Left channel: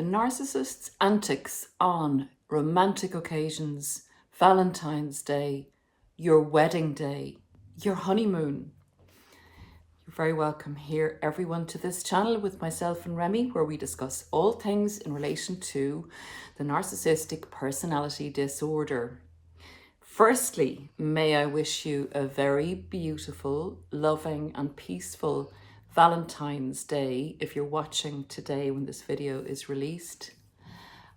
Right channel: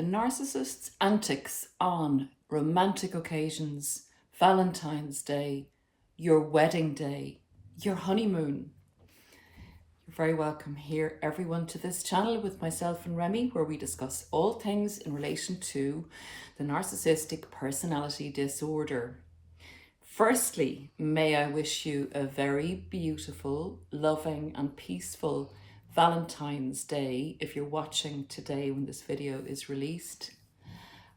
The narcissist's antics on romantic occasions, Valentine's Day, your wedding day, your honeymoon. You're very welcome here, everyone, to this channel with myself and Remy, where we discuss all things in relation to the narcissistic personality disorder. Firstly, may I wish you a very beautiful, loving and peaceful Valentine's Day if you're watching today when this video is released.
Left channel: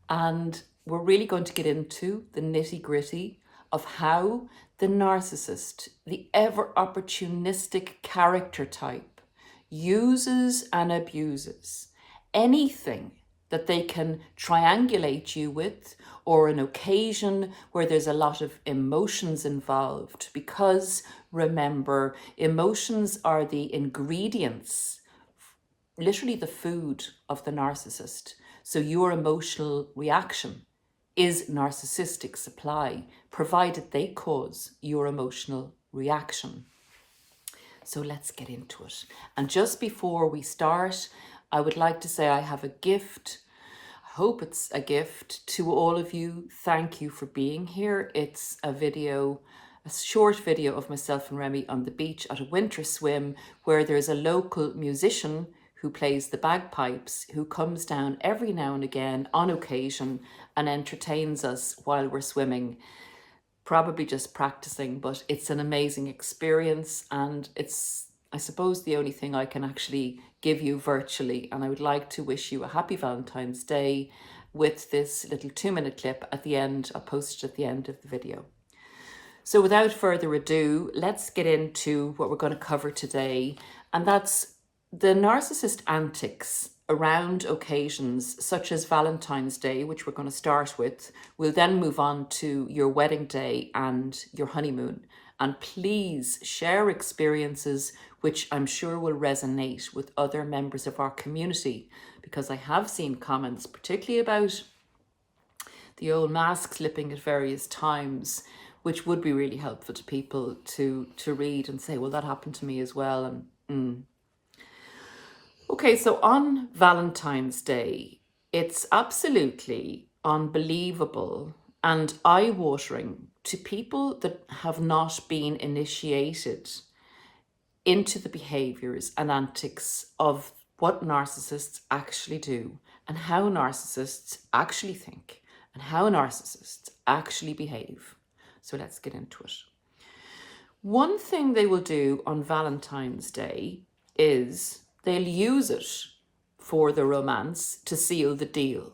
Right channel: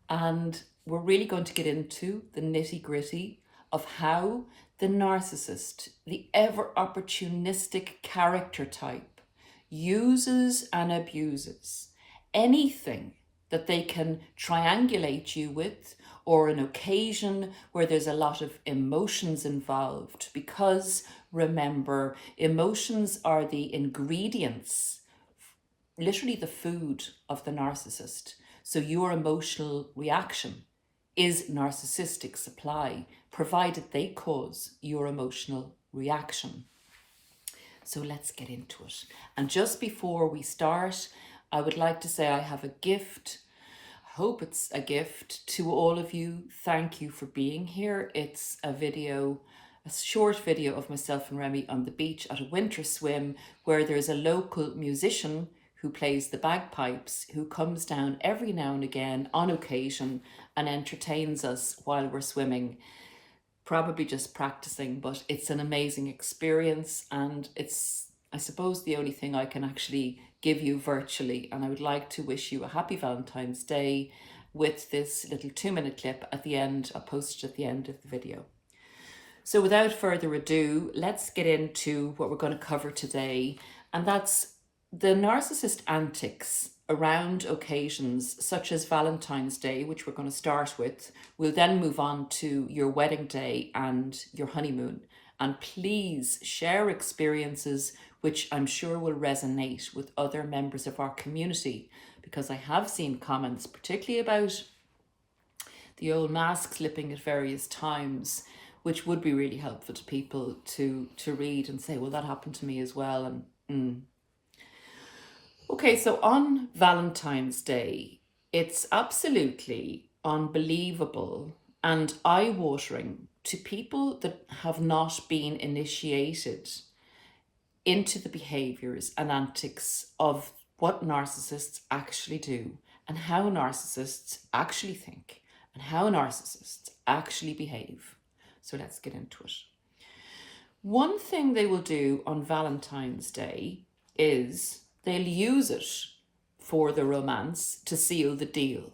And we're really going to get into the nitty-gritty of how the narcissist, the ever opportunistic character type, uses and abuses anything that they can triangulate you with, or an occasion where there's a lot of emotions involved, because remember, emotions are the ingredients, literally the food of the narcissist. So your emotional reaction is narcissistic supply, provided they cause your emotional reaction. So let's get into it. And just before we start, I would like to say I have a gift. I hope it's a gift to all of you. Thank you for being here. It's a video, a short video of myself and Remy on the beach at a winter swim, where there's a local musician who plays the bagpipes, who comes down every now and again on occasion and entertains us while we're swimming. Probably just practicing, but it's an amazing experience, and it's, I suppose, the only thing I can actually give you virtually. And I would like to wish you a happy Valentine's Day with this little 2-minute clip at the end. I'll post it at the end of the video. So without further ado, let's get into what we're going to cover today, and that's the narcissist antics around occasions such as Valentine's Day, which we're going to start with. We'll then move on to your wedding day and your honeymoon. And please share experiences which I'm sure will resonate with other members of our community, because I have seen comments, particularly about the old mask slipping at various times, which would be really helpful to people to read and say, well, that happened to me as well. And Okay, so on Valentine's Day, it's absolutely unbelievable and eye-watering to people that have not been initiated into the behaviours and antics of what narcissists actually do, and how narcissists actually think, and how narcissists actually behave. So let's get into it. One thing they will do on Valentine's Day is they'll use it for the romance to seal the deal.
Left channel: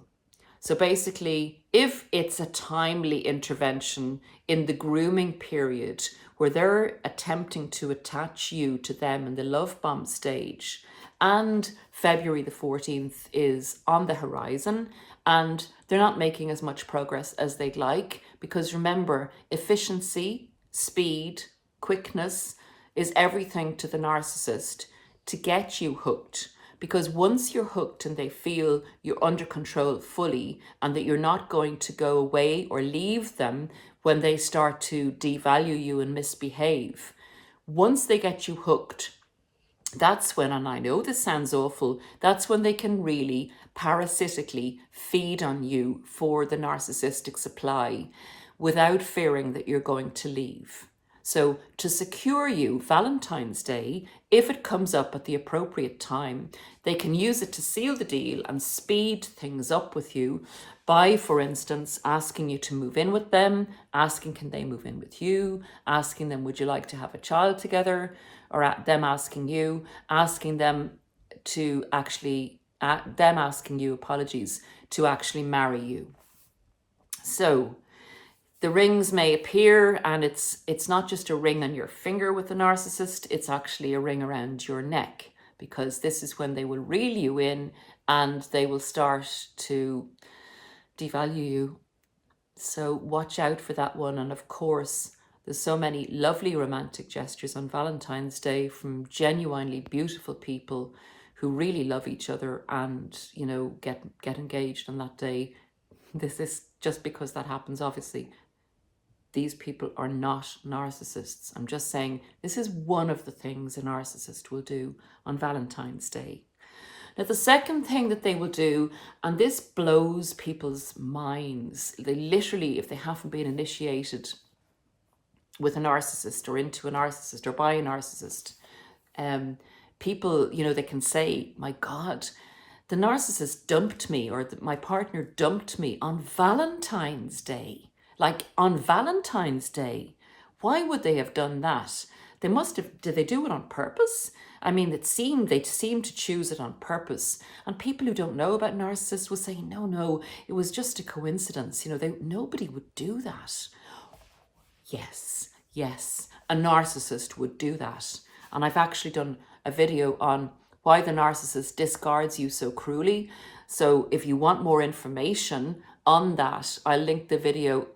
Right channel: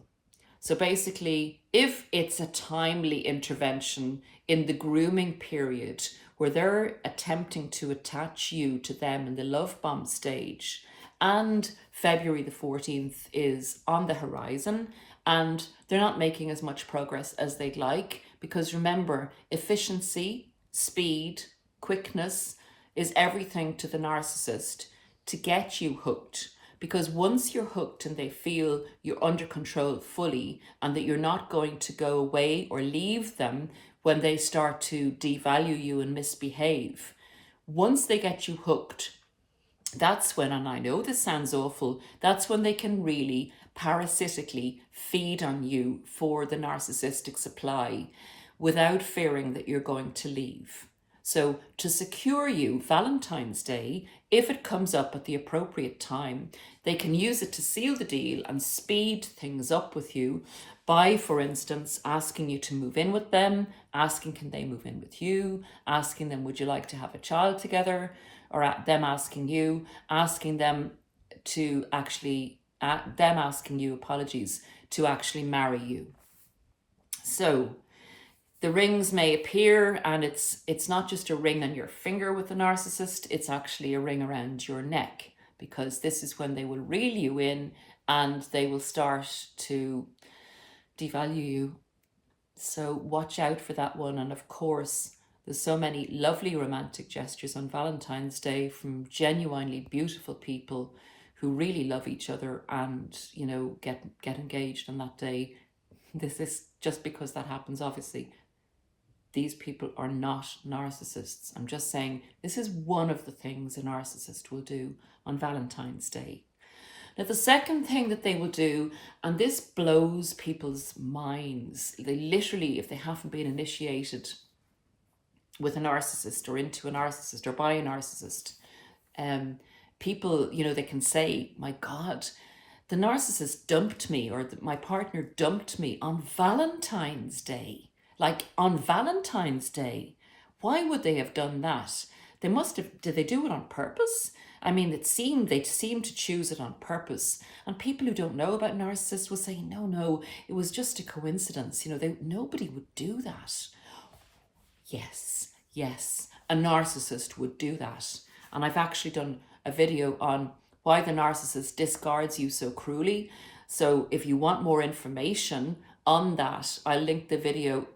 So basically, if it's a timely intervention in the grooming period where they're attempting to attach you to them in the love bomb stage, and February the 14th is on the horizon, and they're not making as much progress as they'd like, because remember, efficiency, speed, quickness is everything to the narcissist, to get you hooked. Because once you're hooked and they feel you're under control fully, and that you're not going to go away or leave them when they start to devalue you and misbehave, once they get you hooked, that's when, and I know this sounds awful, that's when they can really parasitically feed on you for the narcissistic supply without fearing that you're going to leave. So to secure you, Valentine's Day, if it comes up at the appropriate time, they can use it to seal the deal and speed things up with you by, for instance, asking you to move in with them, asking can they move in with you, asking them would you like to have a child together, or them asking you, asking them to actually, them asking you, apologies, to actually marry you. So the rings may appear, and it's not just a ring on your finger with the narcissist, it's actually a ring around your neck, because this is when they will reel you in and they will start to devalue you. So watch out for that one. And of course, there's so many lovely romantic gestures on Valentine's Day from genuinely beautiful people who really love each other and, you know, get engaged on that day. This is just because that happens, obviously. These people are not narcissists. I'm just saying this is one of the things a narcissist will do on Valentine's Day. Now, the second thing that they will do, and this blows people's minds, they literally, if they haven't been initiated with a narcissist or into a narcissist or by a narcissist, people, you know, they can say, my God, the narcissist dumped me, or my partner dumped me on Valentine's Day. Like on Valentine's Day. Why would they have done that? They must have, did they do it on purpose? I mean, they seem to choose it on purpose. And people who don't know about narcissists will say, no, it was just a coincidence. You know, nobody would do that. Yes, a narcissist would do that. And I've actually done a video on why the narcissist discards you so cruelly. So if you want more information on that, I'll link the video,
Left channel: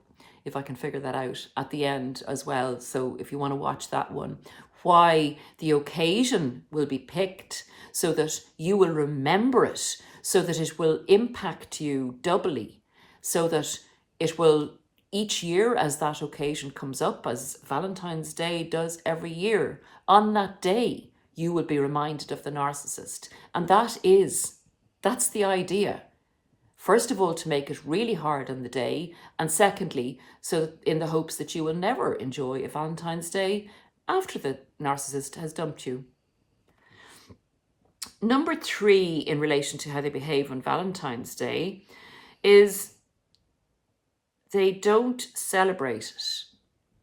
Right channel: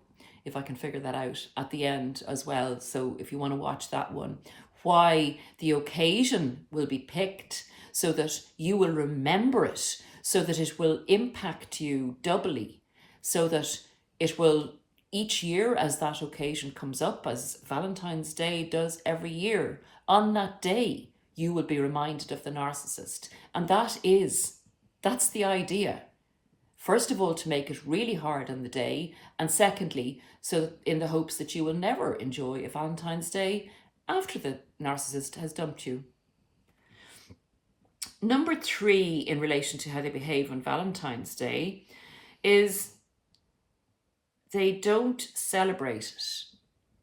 if I can figure that out, at the end as well. So if you want to watch that one, why the occasion will be picked so that you will remember it, so that it will impact you doubly, so that it will, each year as that occasion comes up, as Valentine's Day does every year, on that day, you will be reminded of the narcissist. And that's the idea. First of all, to make it really hard on the day. And secondly, so in the hopes that you will never enjoy a Valentine's Day after the narcissist has dumped you. Number 3, in relation to how they behave on Valentine's Day, is they don't celebrate it.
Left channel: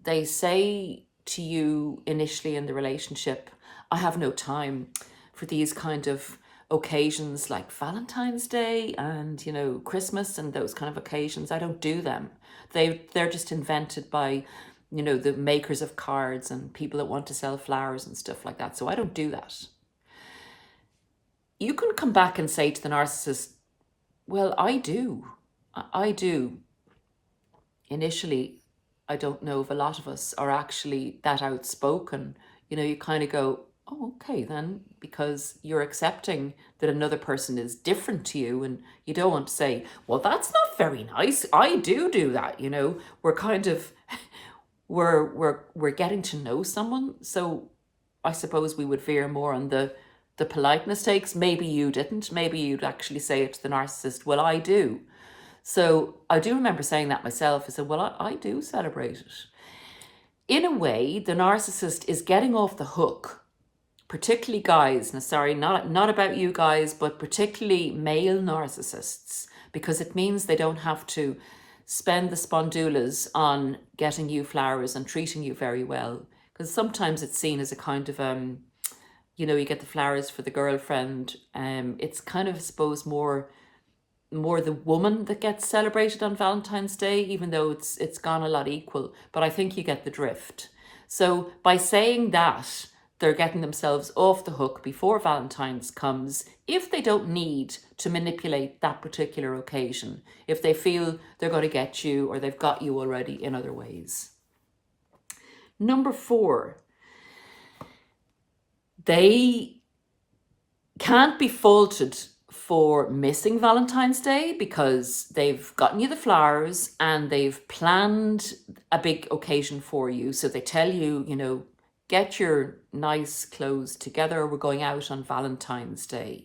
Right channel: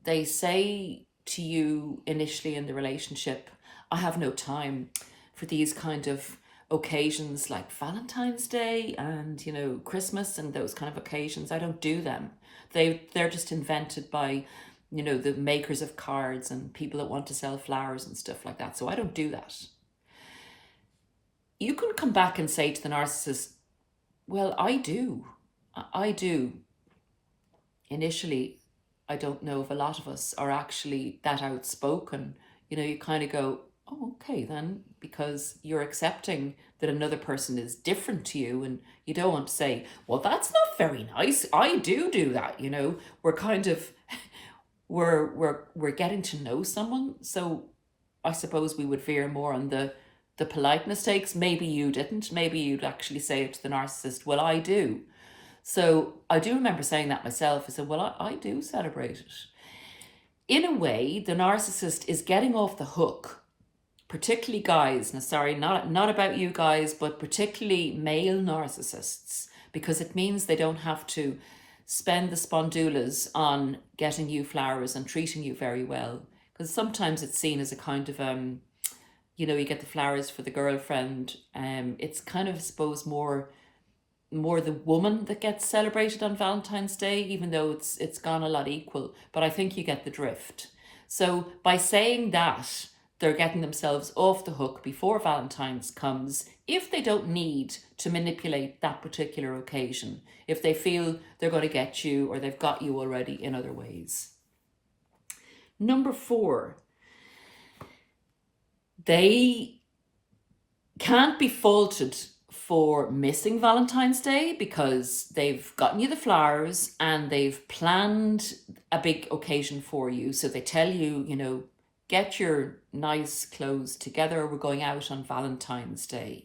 They say to you initially in the relationship, I have no time for these kind of occasions like Valentine's Day and, you know, Christmas and those kind of occasions. I don't do them. They're just invented by, you know, the makers of cards and people that want to sell flowers and stuff like that. So I don't do that. You can come back and say to the narcissist, well, I do. Initially, I don't know if a lot of us are actually that outspoken. You know, you kind of go, oh, okay then, because you're accepting that another person is different to you, and you don't want to say, well, that's not very nice. I do that, you know. We're kind of, we're getting to know someone. So I suppose we would veer more on the politeness takes. Maybe you didn't. Maybe you'd actually say it to the narcissist, well, I do. So I do remember saying that myself. I said, well, I do celebrate it. In a way, the narcissist is getting off the hook, particularly guys. Now, sorry, not about you guys, but particularly male narcissists, because it means they don't have to spend the spondulas on getting you flowers and treating you very well. Because sometimes it's seen as a kind of, you know, you get the flowers for the girlfriend. It's kind of, I suppose, more the woman that gets celebrated on Valentine's Day, even though it's gone a lot equal. But I think you get the drift. So by saying that, they're getting themselves off the hook before Valentine's comes, if they don't need to manipulate that particular occasion, if they feel they're going to get you or they've got you already in other ways. Number 4, they can't be faulted for missing Valentine's Day because they've gotten you the flowers and they've planned a big occasion for you. So they tell you, you know, get your nice clothes together, we're going out on Valentine's Day.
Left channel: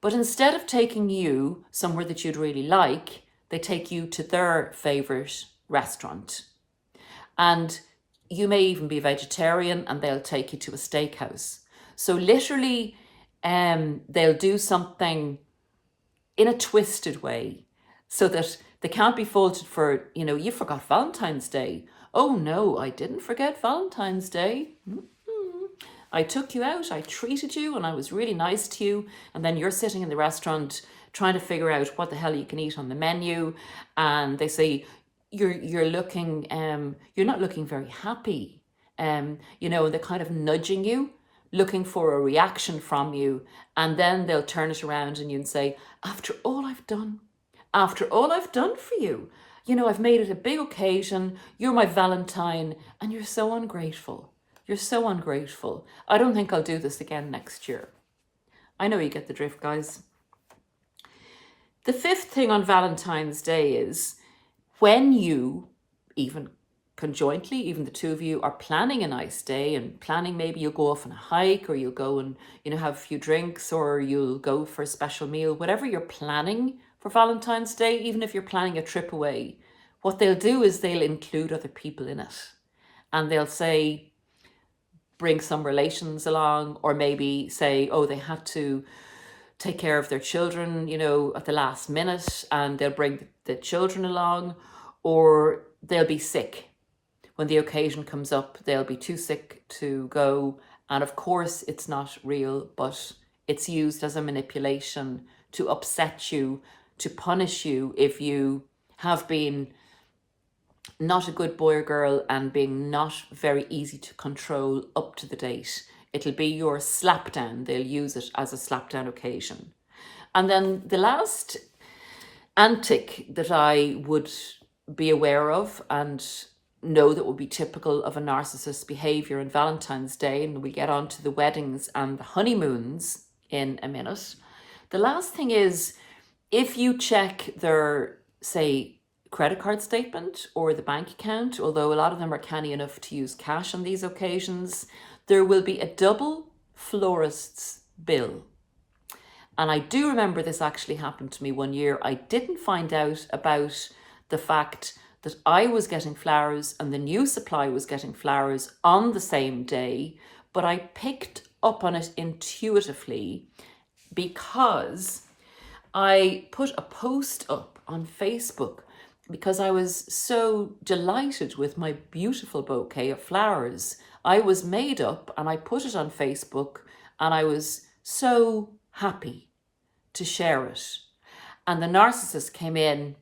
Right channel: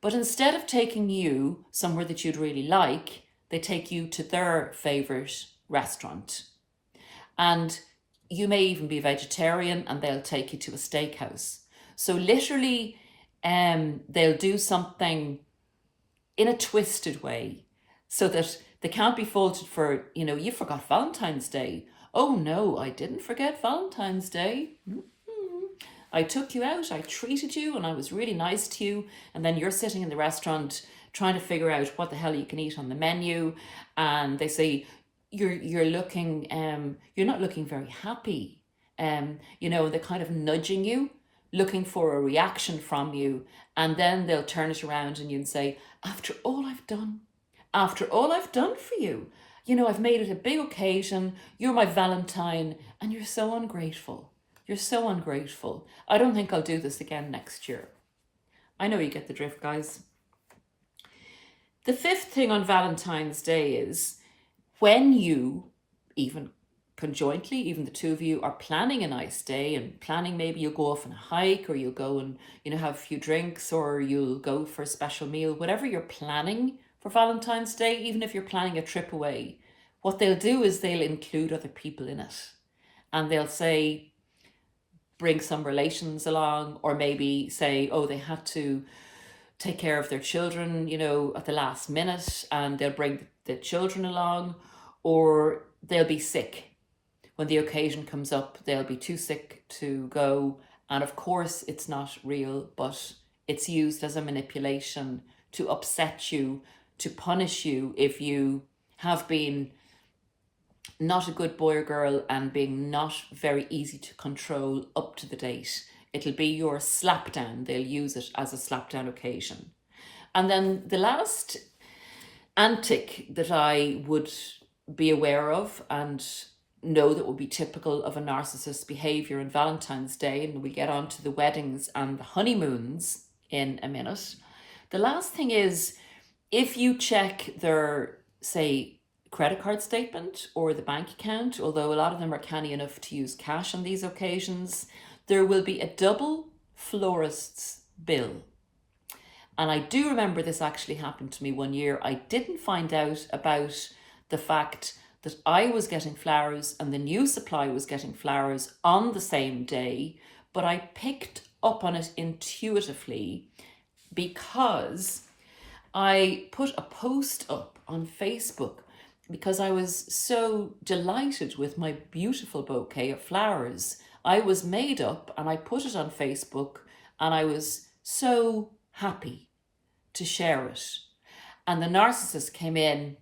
But instead of taking you somewhere that you'd really like, they take you to their favourite restaurant. And you may even be vegetarian and they'll take you to a steakhouse. So literally, they'll do something in a twisted way so that they can't be faulted for, you know, you forgot Valentine's Day. Oh no, I didn't forget Valentine's Day. I took you out, I treated you, and I was really nice to you. And then you're sitting in the restaurant trying to figure out what the hell you can eat on the menu. And they say, you're looking, you're not looking very happy. You know, they're kind of nudging you, looking for a reaction from you. And then they'll turn it around and you'd say, after all I've done for you, you know, I've made it a big occasion. You're my Valentine and you're so ungrateful. You're so ungrateful. I don't think I'll do this again next year. I know you get the drift, guys. The 5th thing on Valentine's Day is when you even conjointly, even the two of you are planning a nice day and planning, maybe you'll go off on a hike, or you'll go and, you know, have a few drinks, or you'll go for a special meal, whatever you're planning for Valentine's Day, even if you're planning a trip away, what they'll do is they'll include other people in it. And they'll say, bring some relations along, or maybe say, oh, they had to take care of their children, you know, at the last minute, and they'll bring the children along, or they'll be sick. When the occasion comes up, they'll be too sick to go. And of course, it's not real, but it's used as a manipulation to upset you, to punish you if you have been not a good boy or girl and being not very easy to control up to the date. It'll be your slapdown. They'll use it as a slapdown occasion. And then the last antic that I would be aware of and know that would be typical of a narcissist's behavior on Valentine's Day, and we get on to the weddings and the honeymoons in a minute. The last thing is, if you check their, say, credit card statement or the bank account, although a lot of them are canny enough to use cash on these occasions, there will be a double florist's bill. And I do remember this actually happened to me one year. I didn't find out about the fact that I was getting flowers and the new supply was getting flowers on the same day, but I picked up on it intuitively because I put a post up on Facebook because I was so delighted with my beautiful bouquet of flowers. I was made up and I put it on Facebook, and I was so happy to share it. And the narcissist came in,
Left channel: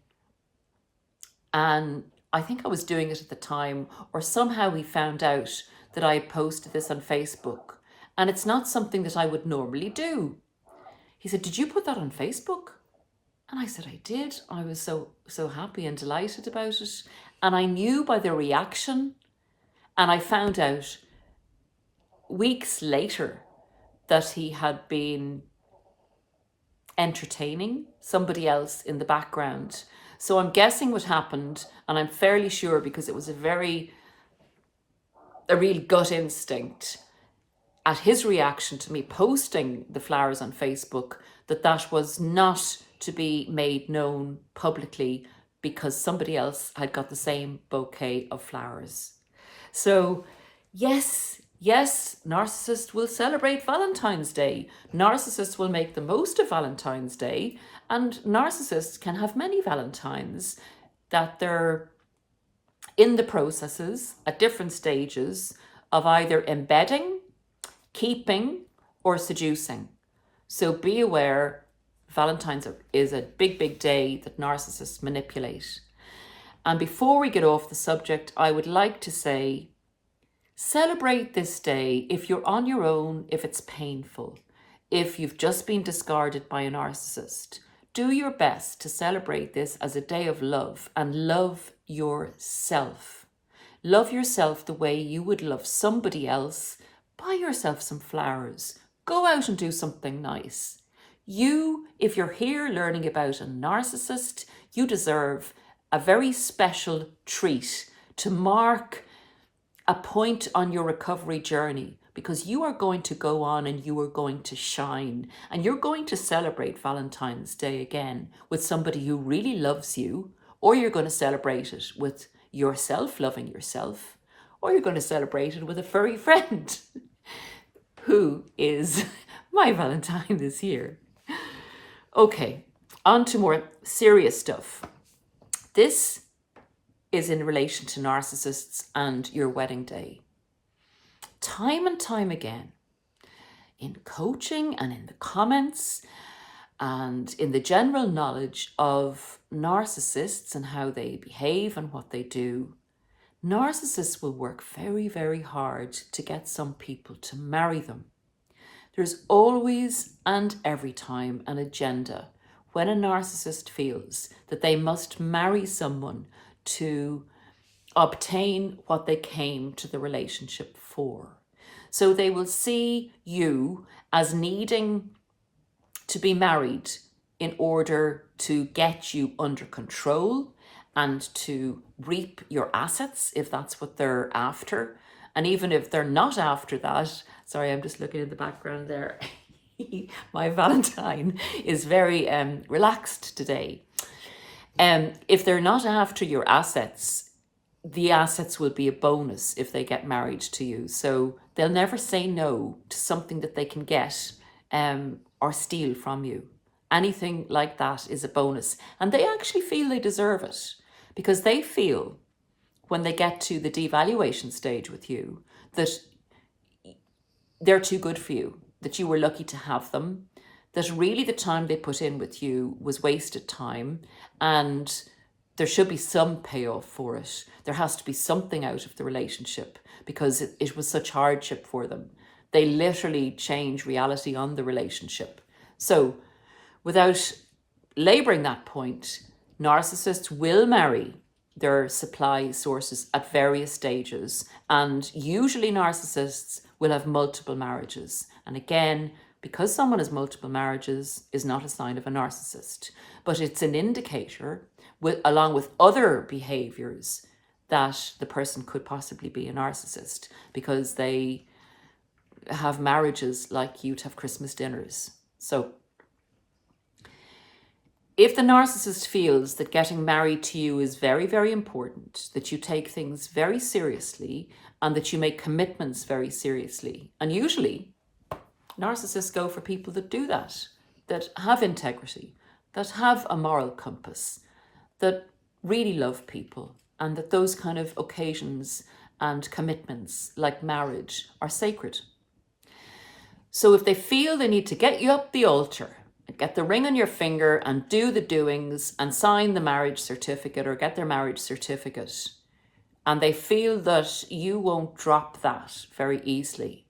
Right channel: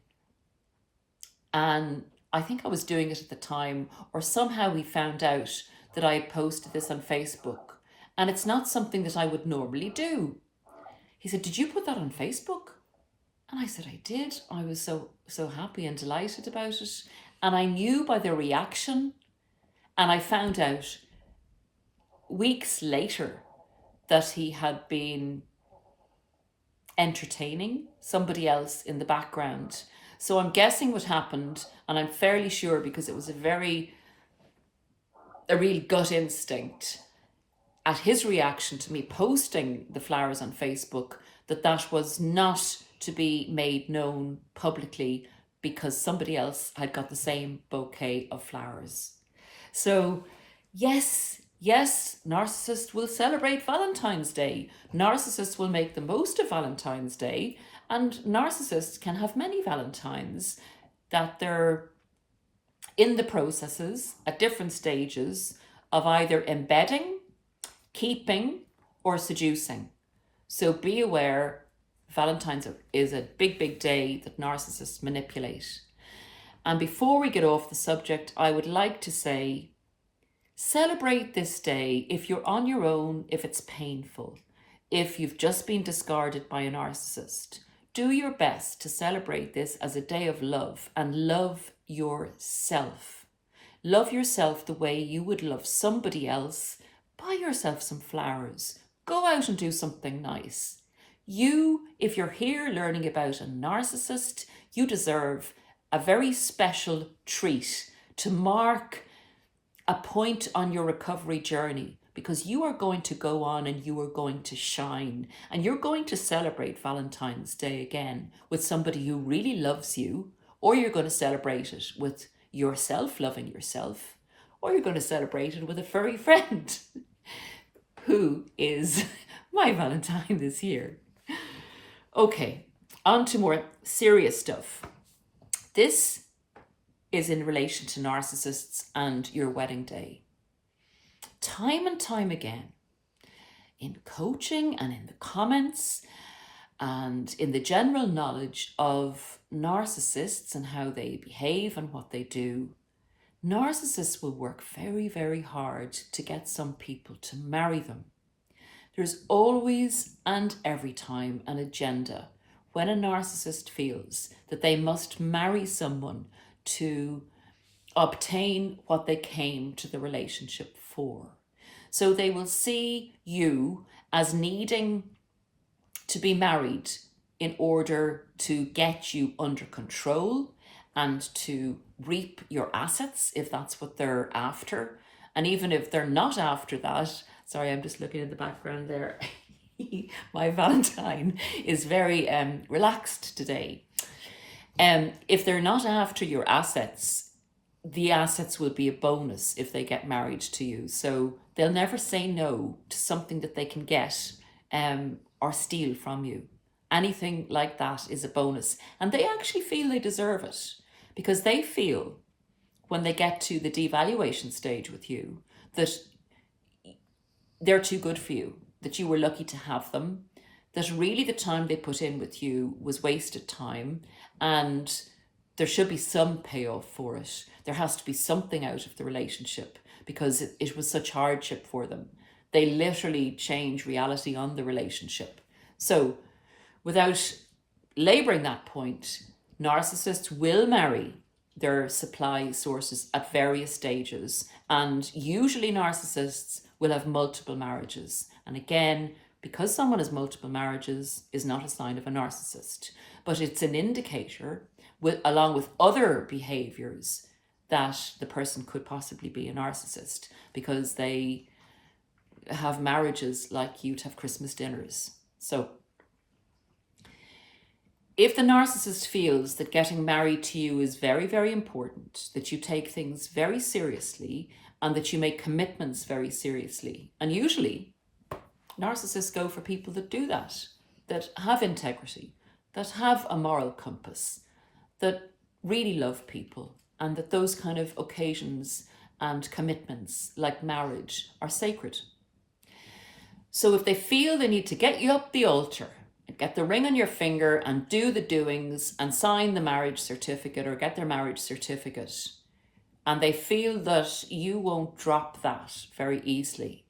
and I think I was doing it at the time, or somehow he found out that I had posted this on Facebook. And it's not something that I would normally do. He said, "Did you put that on Facebook?" And I said, "I did." I was so happy and delighted about it. And I knew by the reaction, and I found out weeks later that he had been entertaining somebody else in the background. So I'm guessing what happened, and I'm fairly sure because it was a real gut instinct at his reaction to me posting the flowers on Facebook, that was not to be made known publicly because somebody else had got the same bouquet of flowers. So yes, narcissists will celebrate Valentine's Day. Narcissists will make the most of Valentine's Day, and narcissists can have many Valentines that they're in the processes at different stages of either embedding, keeping, or seducing. So be aware, Valentine's is a big day that narcissists manipulate. And before we get off the subject, I would like to say, celebrate this day if you're on your own, if it's painful, if you've just been discarded by a narcissist. Do your best to celebrate this as a day of love, and love yourself. Love yourself the way you would love somebody else. Buy yourself some flowers. Go out and do something nice. You, if you're here learning about a narcissist, you deserve a very special treat to mark a point on your recovery journey, because you are going to go on and you are going to shine, and you're going to celebrate Valentine's Day again with somebody who really loves you, or you're going to celebrate it with yourself loving yourself, or you're going to celebrate it with a furry friend who is my Valentine this year. Okay, on to more serious stuff. This is in relation to narcissists and your wedding day. Time and time again, in coaching and in the comments and in the general knowledge of narcissists and how they behave and what they do, narcissists will work very hard to get some people to marry them. There's always and every time an agenda when a narcissist feels that they must marry someone to obtain what they came to the relationship for. So they will see you as needing to be married in order to get you under control and to reap your assets if that's what they're after. And even if they're not after that, sorry, I'm just looking in the background there. My Valentine is very relaxed today. If they're not after your assets, the assets will be a bonus if they get married to you. So they'll never say no to something that they can get or steal from you. Anything like that is a bonus. And they actually feel they deserve it, because they feel when they get to the devaluation stage with you that they're too good for you, that you were lucky to have them, that really the time they put in with you was wasted time, and there should be some payoff for it. There has to be something out of the relationship, because it was such hardship for them. They literally change reality on the relationship. So without labouring that point, narcissists will marry their supply sources at various stages, and usually narcissists will have multiple marriages. And again, because someone has multiple marriages is not a sign of a narcissist, but it's an indicator, along with other behaviours, that the person could possibly be a narcissist, because they have marriages like you'd have Christmas dinners. So if the narcissist feels that getting married to you is very, very important, that you take things very seriously, and that you make commitments very seriously, and usually narcissists go for people that do that have integrity, that have a moral compass, that really love people, and that those kind of occasions and commitments like marriage are sacred. So if they feel they need to get you up the altar, get the ring on your finger and do the doings and sign the marriage certificate or get their marriage certificate, and they feel that you won't drop that very easily,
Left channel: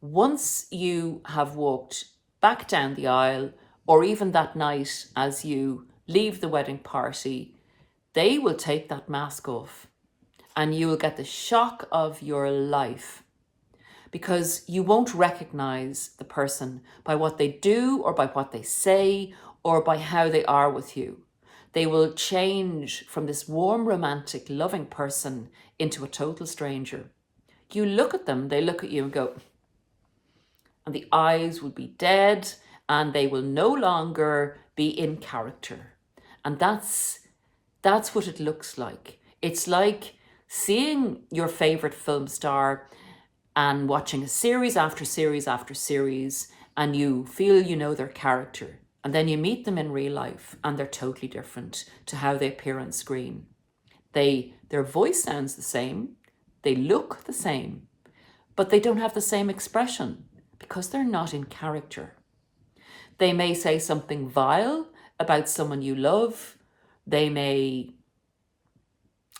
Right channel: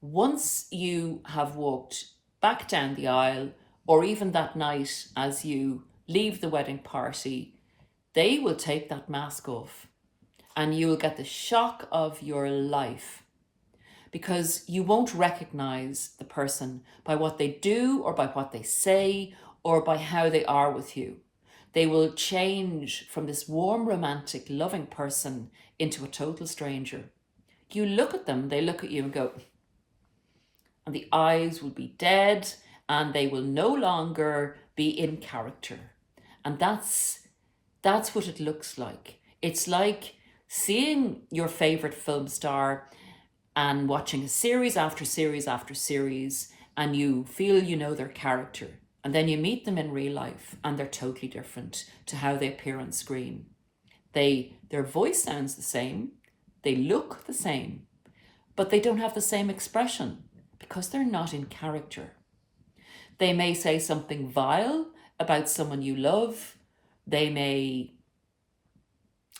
once you have walked back down the aisle, or even that night as you leave the wedding party, they will take that mask off and you will get the shock of your life, because you won't recognize the person by what they do or by what they say or by how they are with you. They will change from this warm, romantic, loving person into a total stranger. You look at them, they look at you and go, and the eyes will be dead and they will no longer be in character. And that's what it looks like. It's like seeing your favorite film star and watching a series after series after series, and you feel you know their character, and then you meet them in real life and they're totally different to how they appear on screen. Their voice sounds the same, they look the same, but they don't have the same expression because they're not in character. They may say something vile about someone you love. They may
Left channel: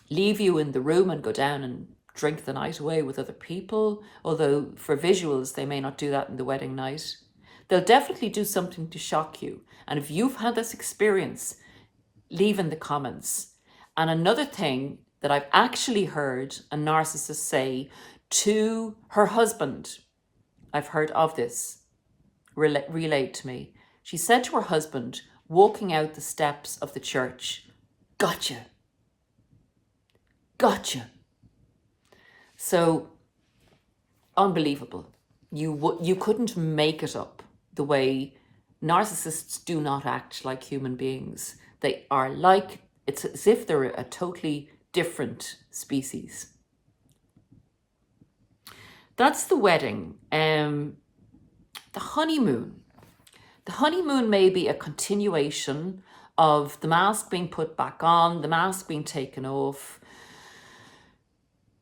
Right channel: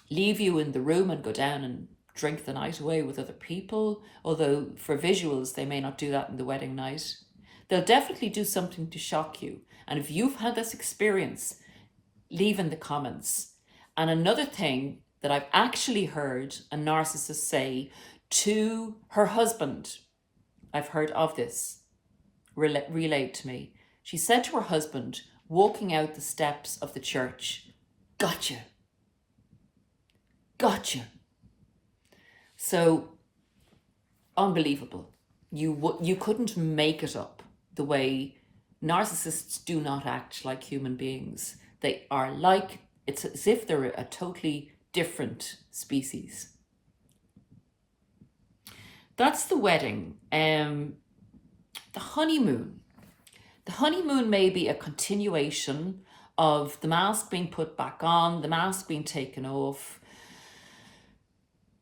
leave you in the room and go down and drink the night away with other people, although for visuals they may not do that in the wedding night. They'll definitely do something to shock you. And if you've had this experience, leave in the comments. And another thing that I've actually heard a narcissist say to her husband, I've heard of this, relayed to me. She said to her husband, walking out the steps of the church, "Gotcha. Gotcha." So, unbelievable. You couldn't make it up. The way narcissists do not act like human beings. They are like, it's as if they're a totally different species. That's the wedding. The honeymoon. The honeymoon may be a continuation of the mask being put back on, the mask being taken off,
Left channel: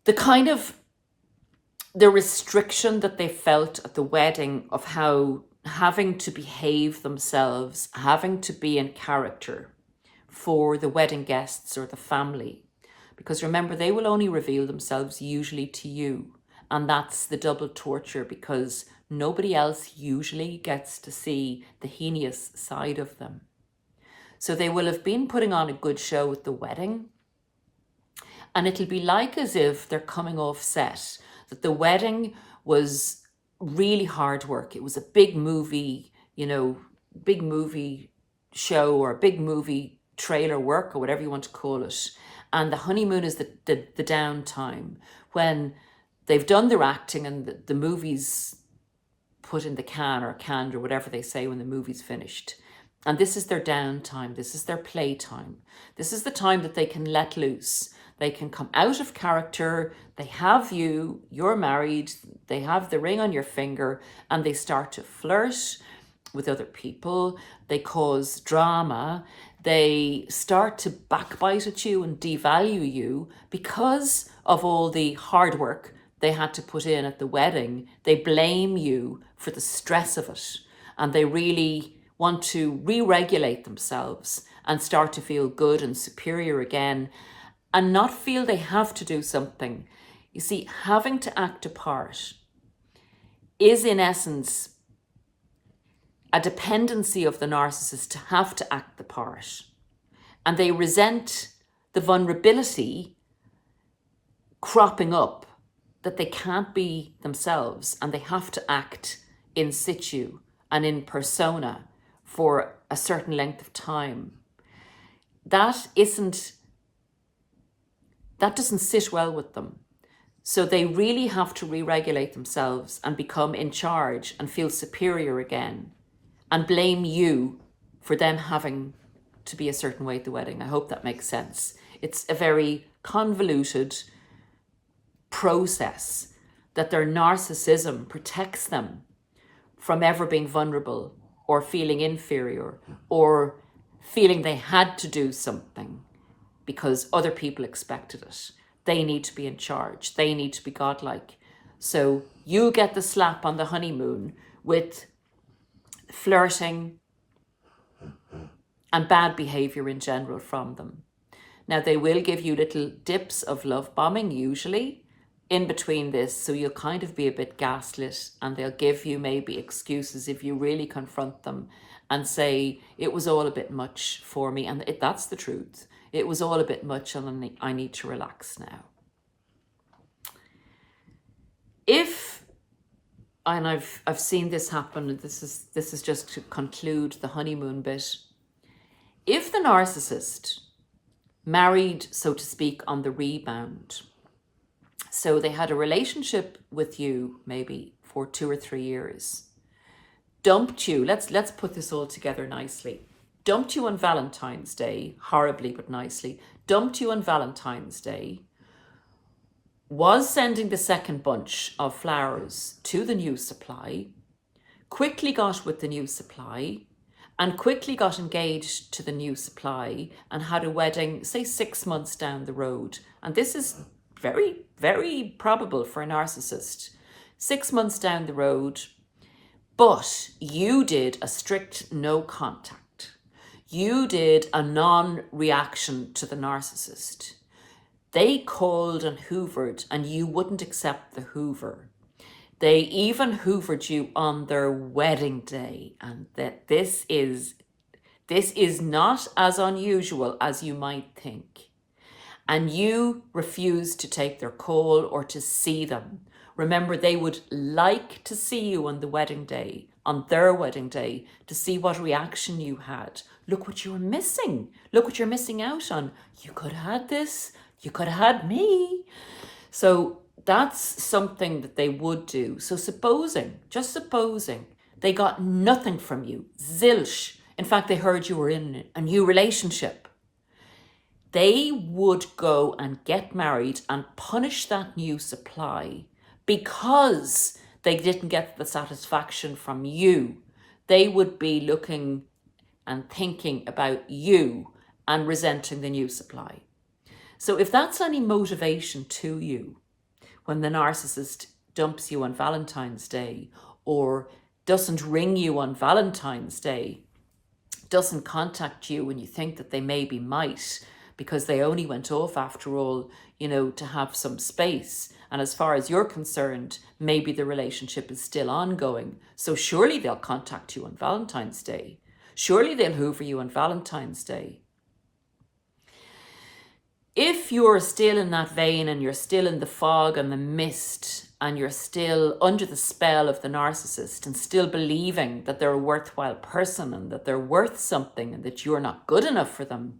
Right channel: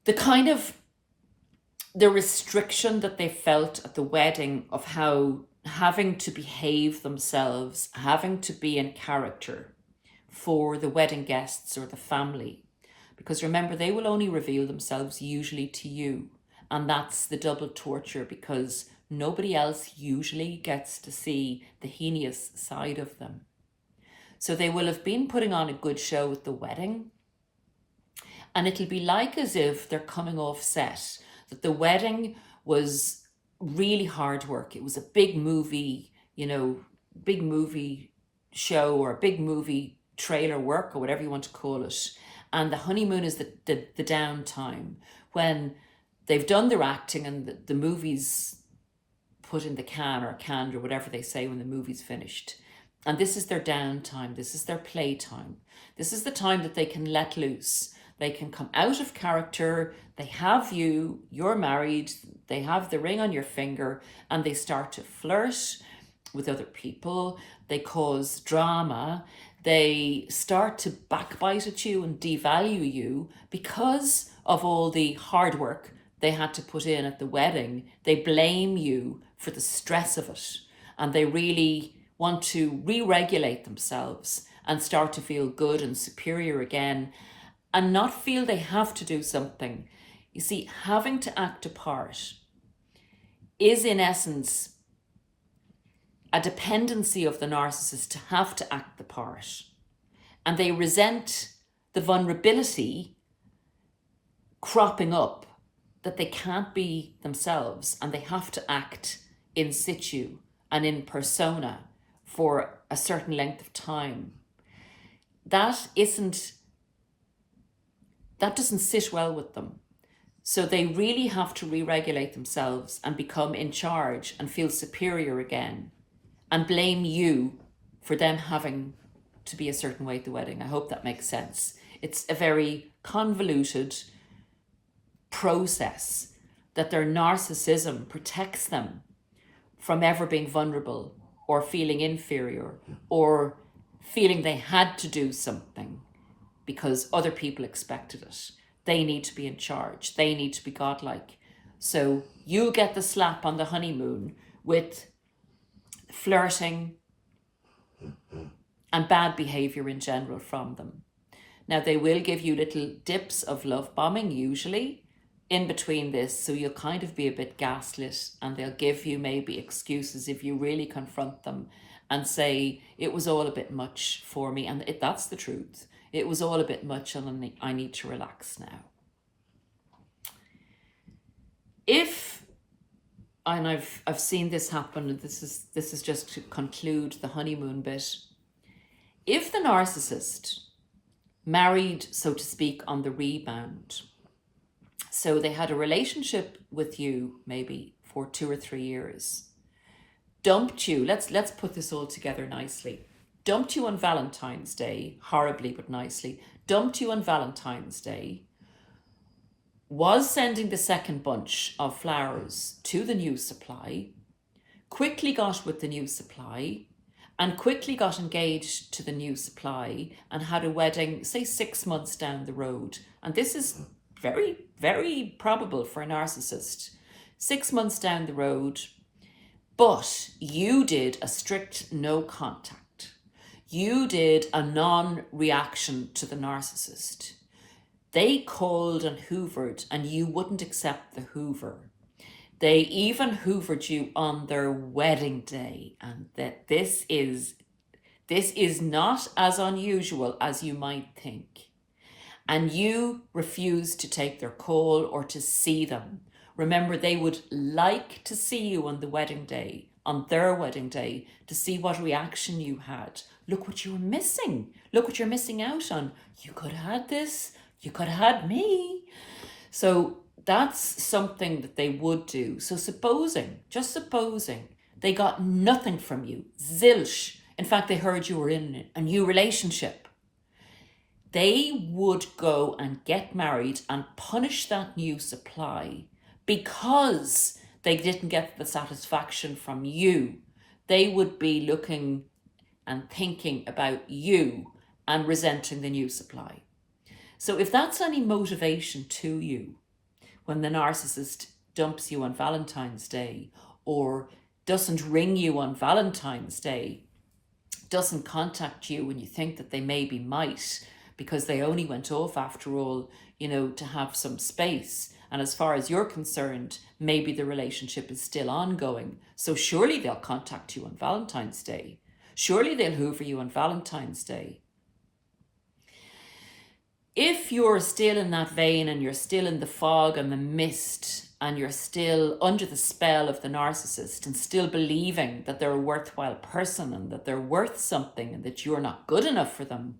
the restriction that they felt at the wedding of how having to behave themselves, having to be in character for the wedding guests or the family. Because remember, they will only reveal themselves usually to you. And that's the double torture, because nobody else usually gets to see the heinous side of them. So they will have been putting on a good show at the wedding. And it'll be like as if they're coming off set, that the wedding was really hard work. It was a big movie, big movie show or a big movie trailer work or whatever you want to call it. And the honeymoon is the downtime when they've done their acting and the movie's put in the can or canned or whatever they say when the movie's finished. And this is their downtime. This is their playtime. This is the time that they can let loose. They can come out of character. They have you, you're married, they have the ring on your finger, and they start to flirt with other people. They cause drama. They start to backbite at you and devalue you because of all the hard work they had to put in at the wedding. They blame you for the stress of it, and they really want to re-regulate themselves and start to feel good and superior again and not feel they have to do something. You see, having to act a part is in essence a dependency of the narcissist to have to act the part. And they resent the vulnerability cropping up that they can't be themselves and they have to act in situ and in persona for a certain length of time. That doesn't sit well with them. So they really have to re-regulate themselves and become in charge and feel superior again and blame you for them having to be a certain way at the wedding. I hope that makes sense. It's a very convoluted process that their narcissism protects them from ever being vulnerable or feeling inferior or feeling they had to do something because other people expected it. They need to be in charge. They need to be godlike. So you get the slap on the honeymoon with flirting and bad behavior in general from them. Now, they will give you little dips of love bombing, usually, in between this, so you'll kind of be a bit gaslit, and they'll give you maybe excuses if you really confront them and say, it was all a bit much for me, and that's the truth. It was all a bit much and I need to relax now. And I've seen this happen, and this is just to conclude the honeymoon bit. If the narcissist married, so to speak, on the rebound, so they had a relationship with you maybe for 2 or 3 years, dumped you, let's put this all together nicely, dumped you on Valentine's Day, horribly but nicely, dumped you on Valentine's Day, was sending the second bunch of flowers to the new supply, quickly got with the new supply, and quickly got engaged to the new supply and had a wedding, say 6 months down the road. And this is very, very probable for a narcissist. 6 months down the road, but you did a strict no contact. You did a non-reaction to the narcissist. They called and hoovered and you wouldn't accept the hoover. They even hoovered you on their wedding day, and that this is not as unusual as you might think. And you refused to take their call or to see them. Remember, they would like to see you on the wedding day, on their wedding day, to see what reaction you had. Look what you were missing. Look what you're missing out on. You could have had this. You could have had me. So that's something that they would do. So just supposing, they got nothing from you, zilch. In fact, they heard you were in a new relationship. They would go and get married and punish that new supply because they didn't get the satisfaction from you. They would be looking and thinking about you and resenting the new supply. So if that's any motivation to you, when the narcissist dumps you on Valentine's Day or doesn't ring you on Valentine's Day, doesn't contact you when you think that they maybe might, because they only went off after all, to have some space. And as far as you're concerned, maybe the relationship is still ongoing. So surely they'll contact you on Valentine's Day. Surely they'll hoover you on Valentine's Day. if you're still in that vein and you're still in the fog and the mist and you're still under the spell of the narcissist and still believing that they're a worthwhile person and that they're worth something and that you're not good enough for them,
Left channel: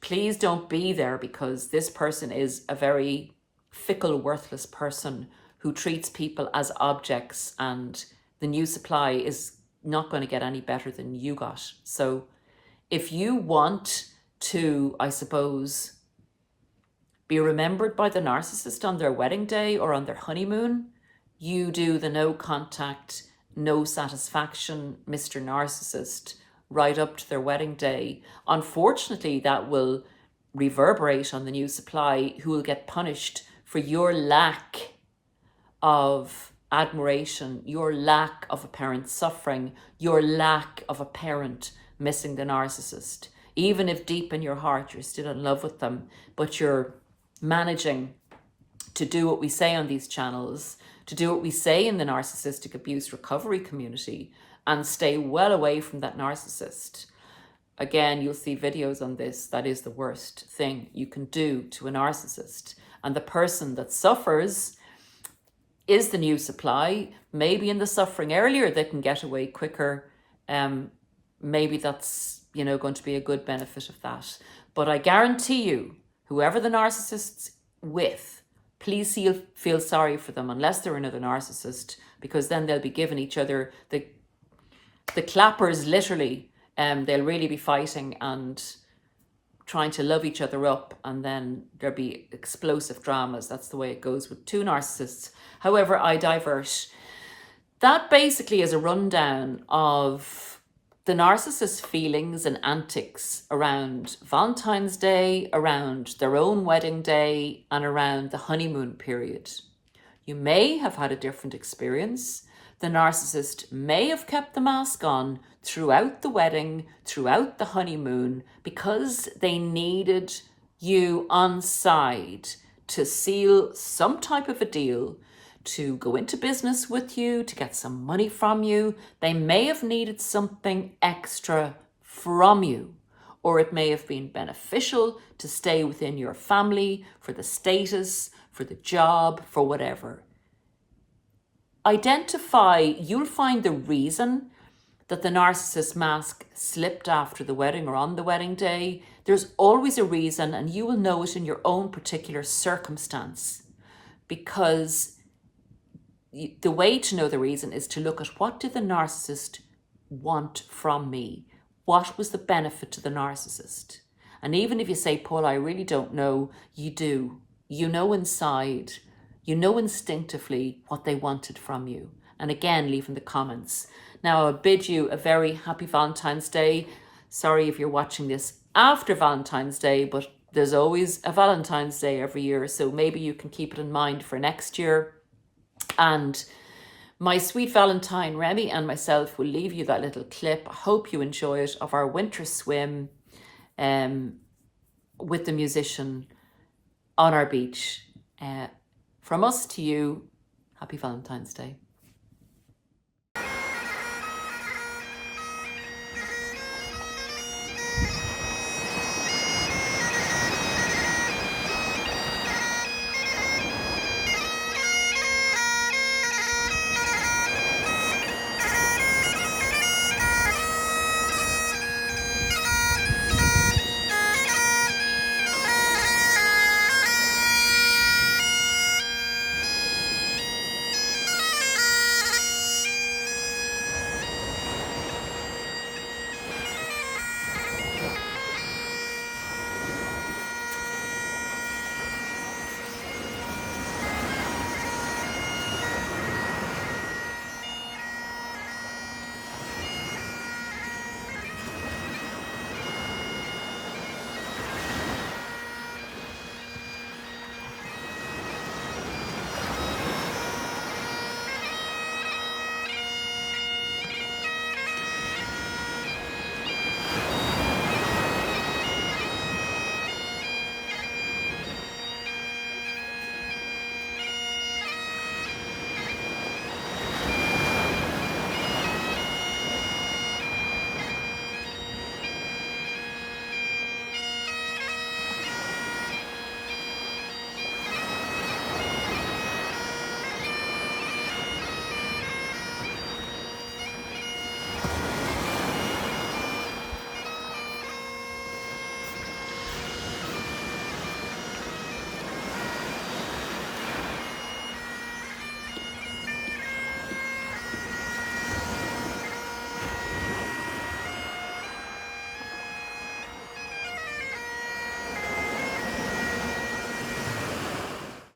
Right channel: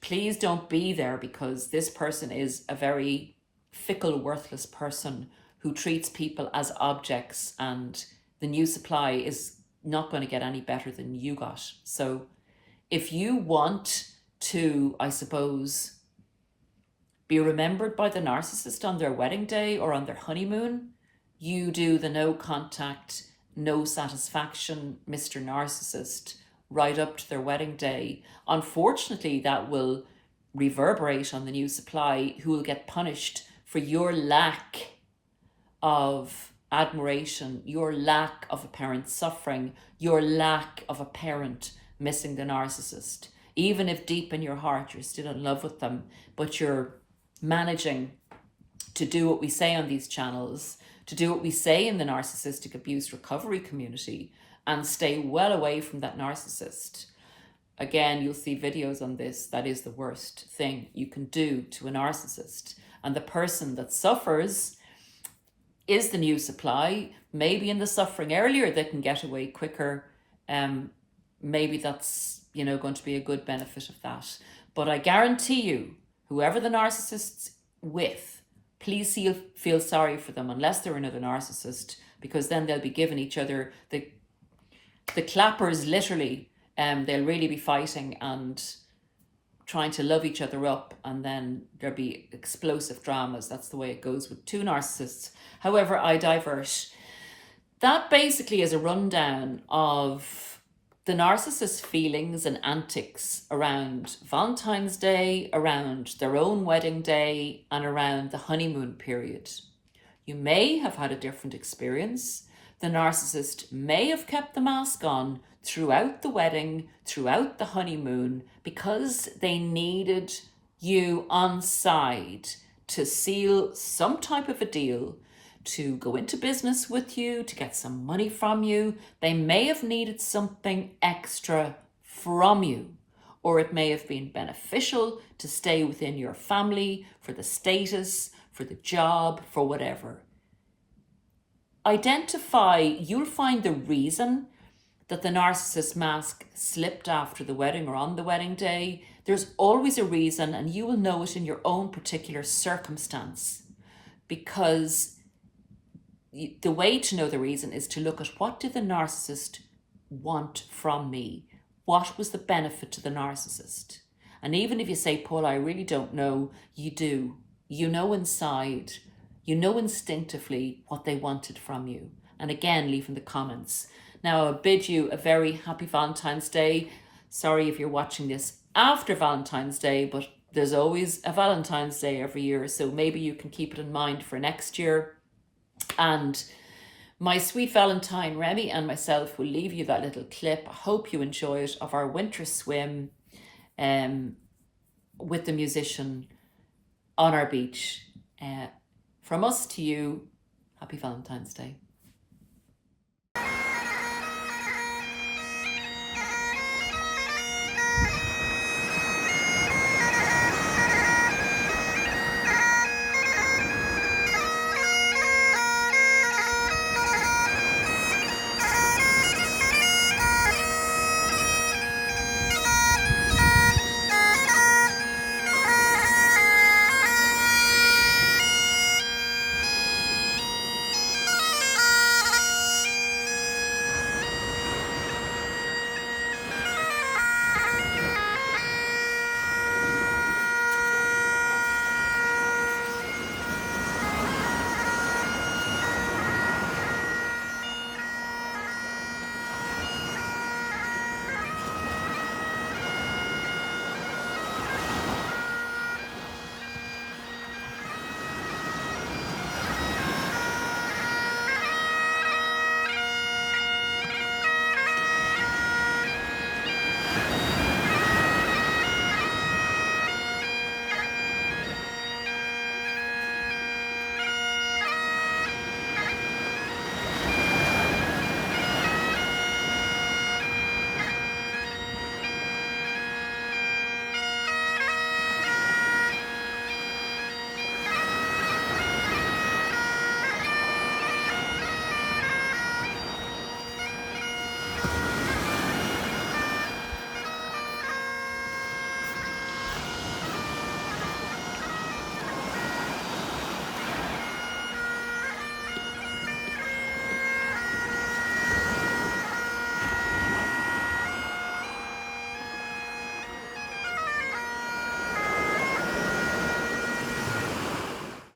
please don't be there, because this person is a very fickle, worthless person who treats people as objects, and the new supply is not going to get any better than you got. So if you want to, I suppose, be remembered by the narcissist on their wedding day or on their honeymoon, you do the no contact, no satisfaction Mr. Narcissist right up to their wedding day. Unfortunately, that will reverberate on the new supply, who will get punished for your lack of admiration, your lack of a parent suffering, your lack of a parent missing the narcissist. Even if deep in your heart you're still in love with them, but you're managing to do what we say on these channels, to do what we say in the narcissistic abuse recovery community, and stay well away from that narcissist. Again, you'll see videos on this. That is the worst thing you can do to a narcissist. And the person that suffers is the new supply. Maybe in the suffering earlier, they can get away quicker. Maybe that's, going to be a good benefit of that. But I guarantee you, whoever the narcissist's with, please feel sorry for them, unless they're another narcissist, because then they'll be giving each other the clappers, literally. They'll really be fighting and trying to love each other up, and then there'll be explosive dramas. That's the way it goes with two narcissists. However, I divert. That basically is a rundown of the narcissist's feelings and antics around Valentine's Day, around their own wedding day, and around the honeymoon period. You may have had a different experience. The narcissist may have kept the mask on throughout the wedding, throughout the honeymoon, because they needed you on side to seal some type of a deal, to go into business with you, to get some money from you. They may have needed something extra from you, or it may have been beneficial to stay within your family for the status, for the job, for whatever. Identify, you'll find the reason that the narcissist mask slipped after the wedding or on the wedding day. There's always a reason, and you will know it in your own particular circumstance, because the way to know the reason is to look at, what did the narcissist want from me? What was the benefit to the narcissist? And even if you say, Paul, I really don't know, you do. You know inside, you know instinctively what they wanted from you. And again, leave in the comments. Now, I bid you a very happy Valentine's Day. Sorry if you're watching this after Valentine's Day, but there's always a Valentine's Day every year, so maybe you can keep it in mind for next year. And my sweet Valentine, Remy, and myself will leave you that little clip. I hope you enjoy it, of our winter swim with the musician on our beach. From us to you, happy Valentine's Day.